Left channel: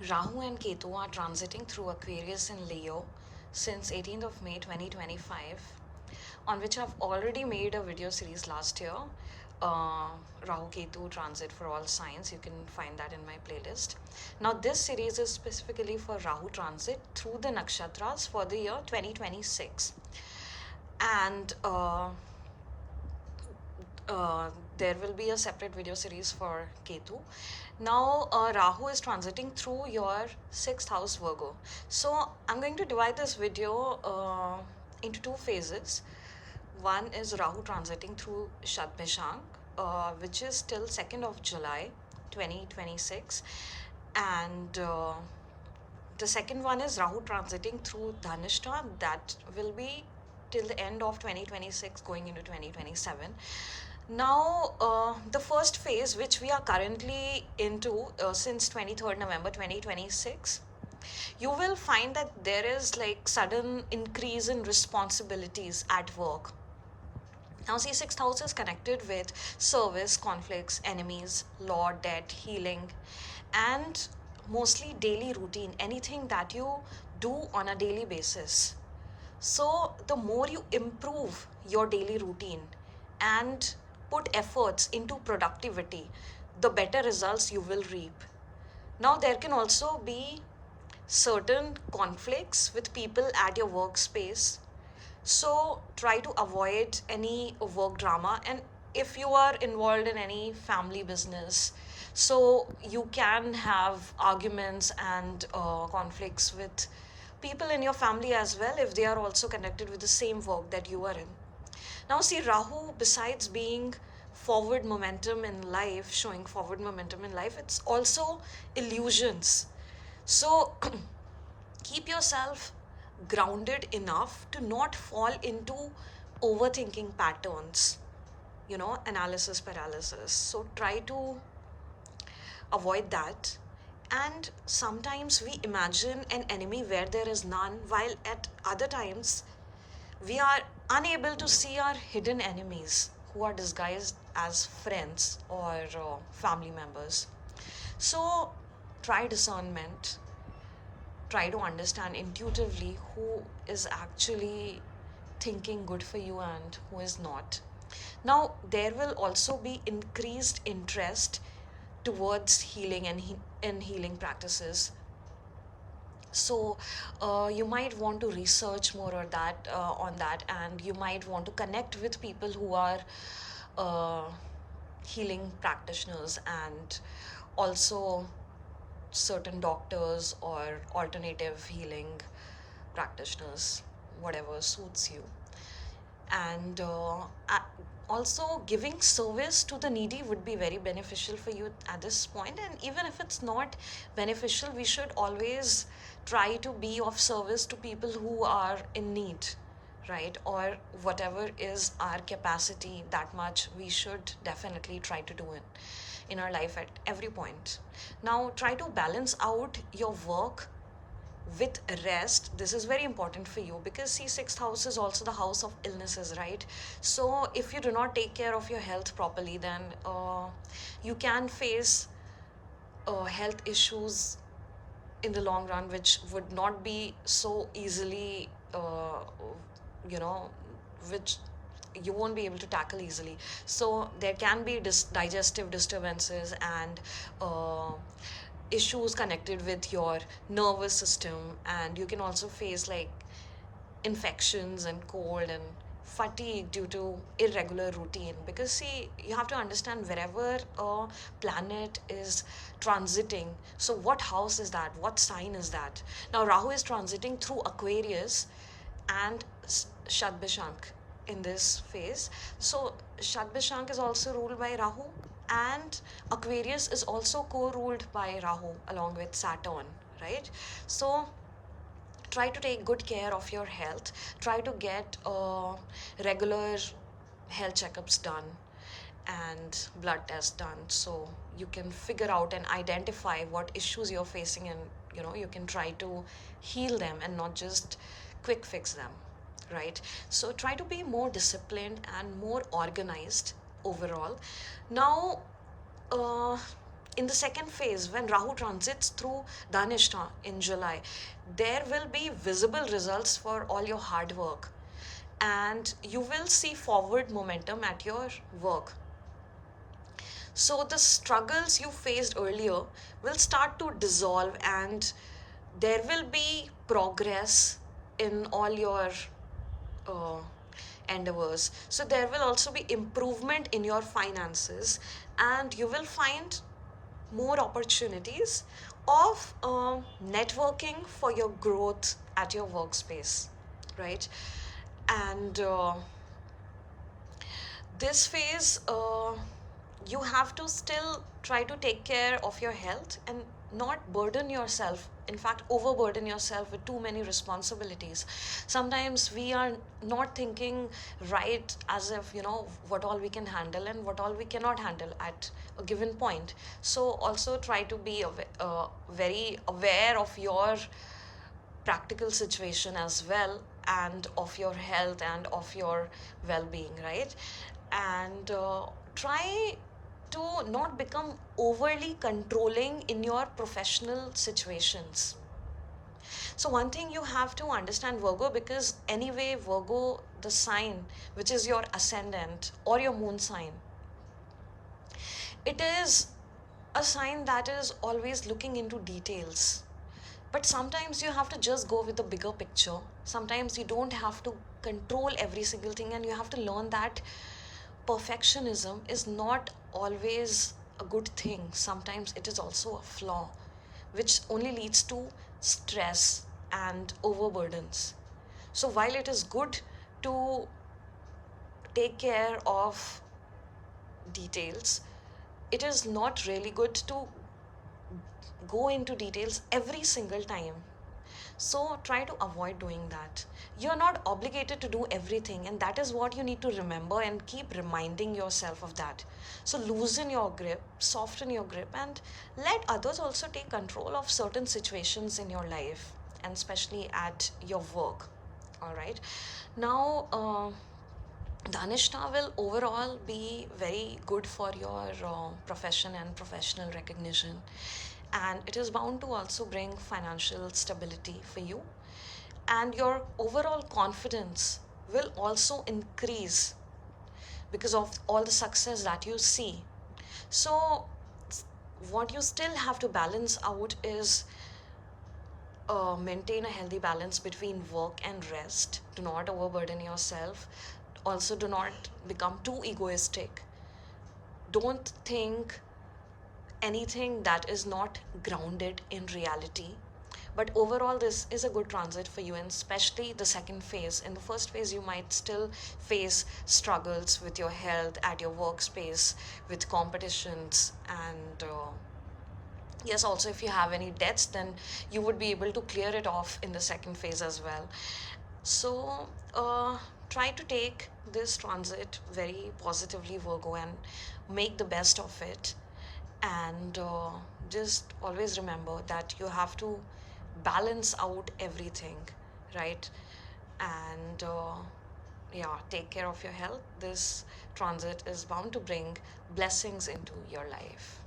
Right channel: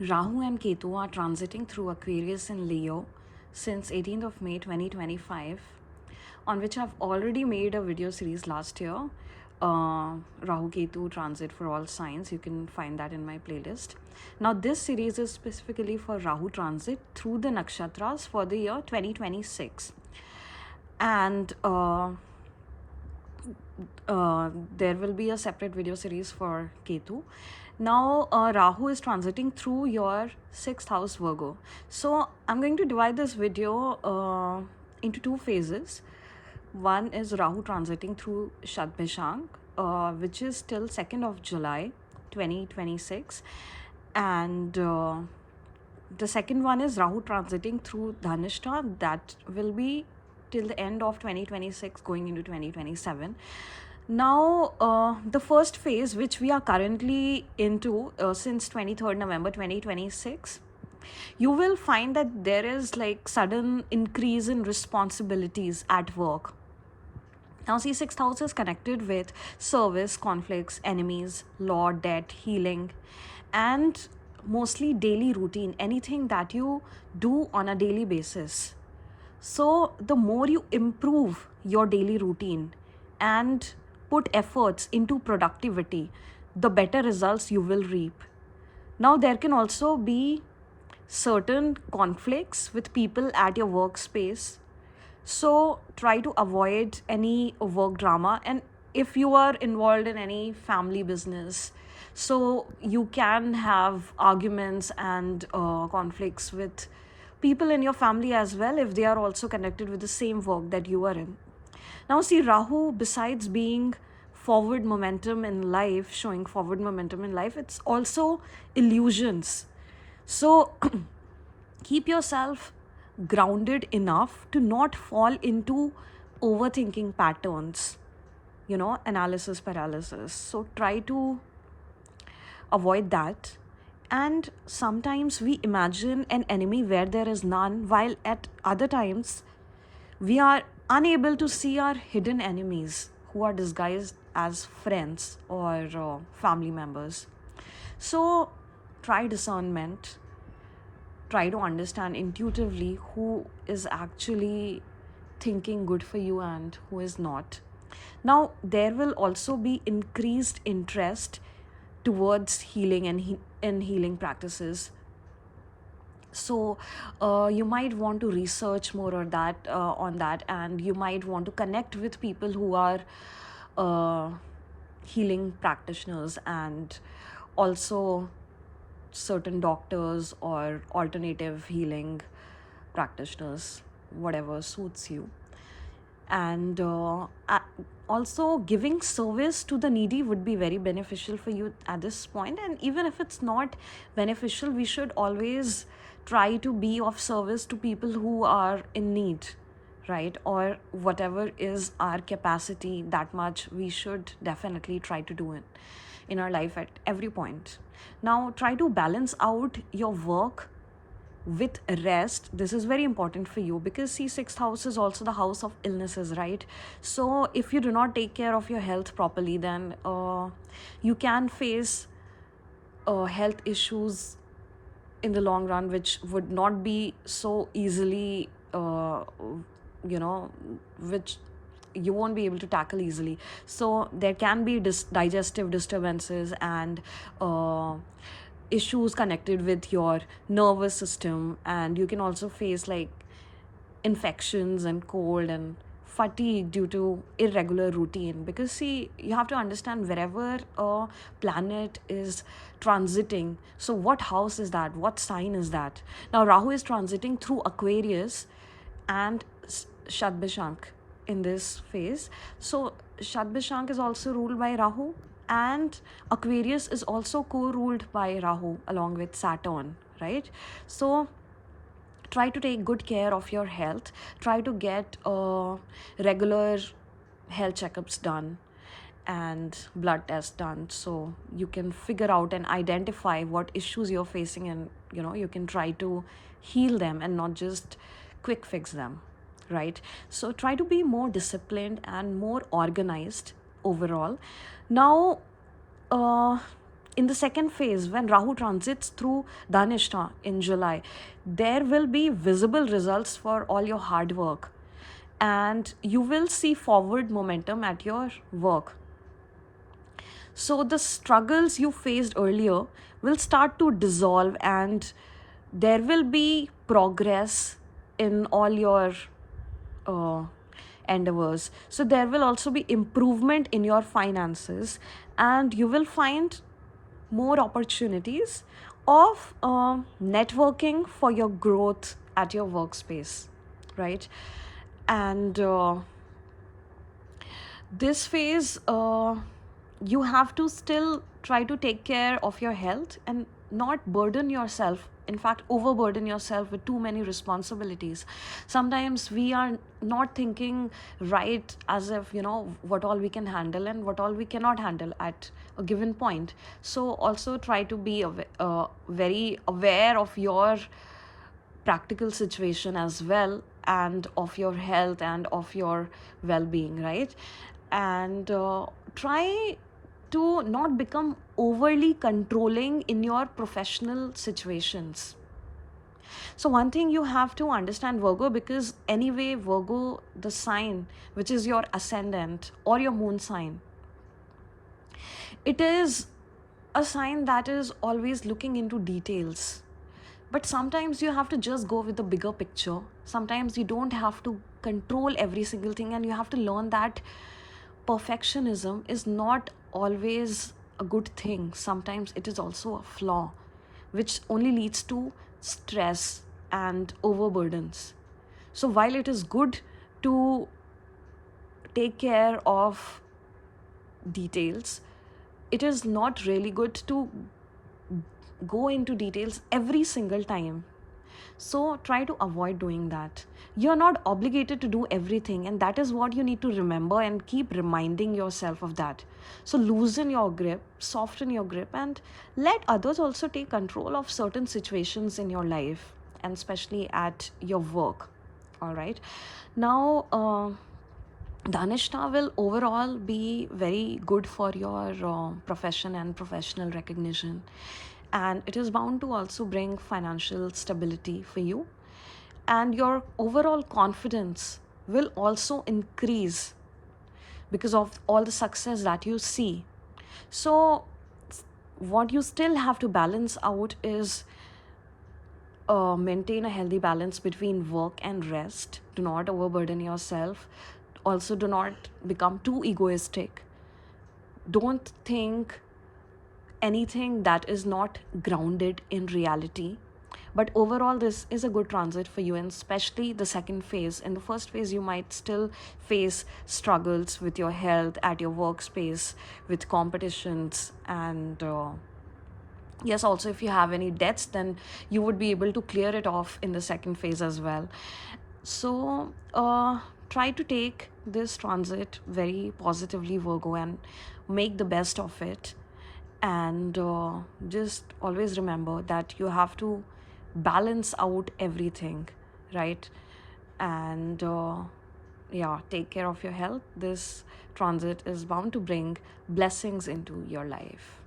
Rahu and Ketu are transiting through Aquarius and Leo since 18th of May 2025, on which I've already made a video series last year. Rahu Ketu transit for all signs. You can find that in my playlist. Now, this series is specifically for Rahu transit through the Nakshatras for the year 2026. And there will be a separate video series for Ketu. Now, Rahu is transiting through your 6th house Virgo. So, I'm going to divide this video into two phases. One is Rahu transiting through Shatbhishank, which is till 2nd of July 2026. And the second one is Rahu transiting through Dhanishta, that will be till the end of 2026 going into 2027. Now, the first phase, which we are currently into since 23rd November 2026, you will find that there is like sudden increase in responsibilities at work. Now, see, 6th house is connected with service, conflicts, enemies, law, debt, healing, and mostly daily routine, anything that you do on a daily basis. So, the more you improve your daily routine and put efforts into productivity, the better results you will reap. Now, there can also be certain conflicts with people at your workspace. So, try to avoid any work drama. And if you are involved in any family business, so you can have arguments and conflicts with people in your family as well if they are also connected with the same work that you are in. Now, see, Rahu, besides being forward momentum in life, showing forward momentum in life, it's also illusions. So, keep yourself grounded enough to not fall into overthinking patterns, analysis paralysis. So, try to avoid that. And sometimes we imagine an enemy where there is none, while at other times we are unable to see our hidden enemies who are disguised as friends or family members. So, try discernment, try to understand intuitively who is actually thinking good for you and who is not. Now, there will also be increased interest towards healing and healing practices. So you might want to research more or that on that, and you might want to connect with people who are uh, healing practitioners, and also certain doctors or alternative healing practitioners, whatever suits you. And also, giving service to the needy would be very beneficial for you at this point. And even if it's not beneficial, we should always try to be of service to people who are in need, right? Or whatever is our capacity, that much we should definitely try to do it in our life at every point. Now, try to balance out your work with rest. This is very important for you because see, 6th house is also the house of illnesses, right? So if you do not take care of your health properly, then you can face health issues in the long run, which would not be so easily which you won't be able to tackle easily. So there can be digestive disturbances and issues connected with your nervous system, and you can also face like infections and cold and fatigue due to irregular routine. Because see, you have to understand, wherever a planet is transiting, so what house is that, what sign is that? Now, Rahu is transiting through Aquarius and Shatbhishank in this phase. So Shatbhishank is also ruled by Rahu, and Aquarius is also co-ruled by Rahu along with Saturn, right? So try to take good care of your health. Try to get regular health checkups done and blood tests done, so you can figure out and identify what issues you're facing, and you can try to heal them and not just quick fix them, right? So try to be more disciplined and more organized overall. Now, in the second phase, when Rahu transits through Dhanishta in July, there will be visible results for all your hard work, and you will see forward momentum at your work. So the struggles you faced earlier will start to dissolve, and there will be progress in all your uh, endeavors. So there will also be improvement in your finances, and you will find more opportunities of networking for your growth at your workspace, right? And this phase, you have to still try to take care of your health and not burden yourself, in fact overburden yourself with too many responsibilities. Sometimes we are not thinking right, as if, you know, what all we can handle and what all we cannot handle at a given point. So also try to be very aware of your practical situation as well, and of your health and of your well-being, right? And try to not become overly controlling in your professional situations. So one thing you have to understand, Virgo, because anyway Virgo, the sign which is your ascendant or your moon sign, it is a sign that is always looking into details. But sometimes you have to just go with the bigger picture. Sometimes you don't have to control every single thing, and you have to learn that perfectionism is not always a good thing. Sometimes it is also a flaw, which only leads to stress and overburdens. So while it is good to take care of details, it is not really good to go into details every single time. So try to avoid doing that. You're not obligated to do everything, and that is what you need to remember and keep reminding yourself of that. So loosen your grip, soften your grip, and let others also take control of certain situations in your life, and especially at your work. All right. Now, Dhanishta will overall be very good for your profession and professional recognition. And it is bound to also bring financial stability for you. And your overall confidence will also increase because of all the success that you see. So, what you still have to balance out is maintain a healthy balance between work and rest. Do not overburden yourself. Also, do not become too egoistic. Don't think anything that is not grounded in reality. But overall, this is a good transit for you, and especially the second phase. In the first phase, you might still face struggles with your health at your workspace, with competitions, and yes, also if you have any debts, then you would be able to clear it off in the second phase as well. So try to take this transit very positively, Virgo, and make the best of it. And just always remember that you have to balance out everything, right? And yeah, take care of your health. This transit is bound to bring blessings into your life.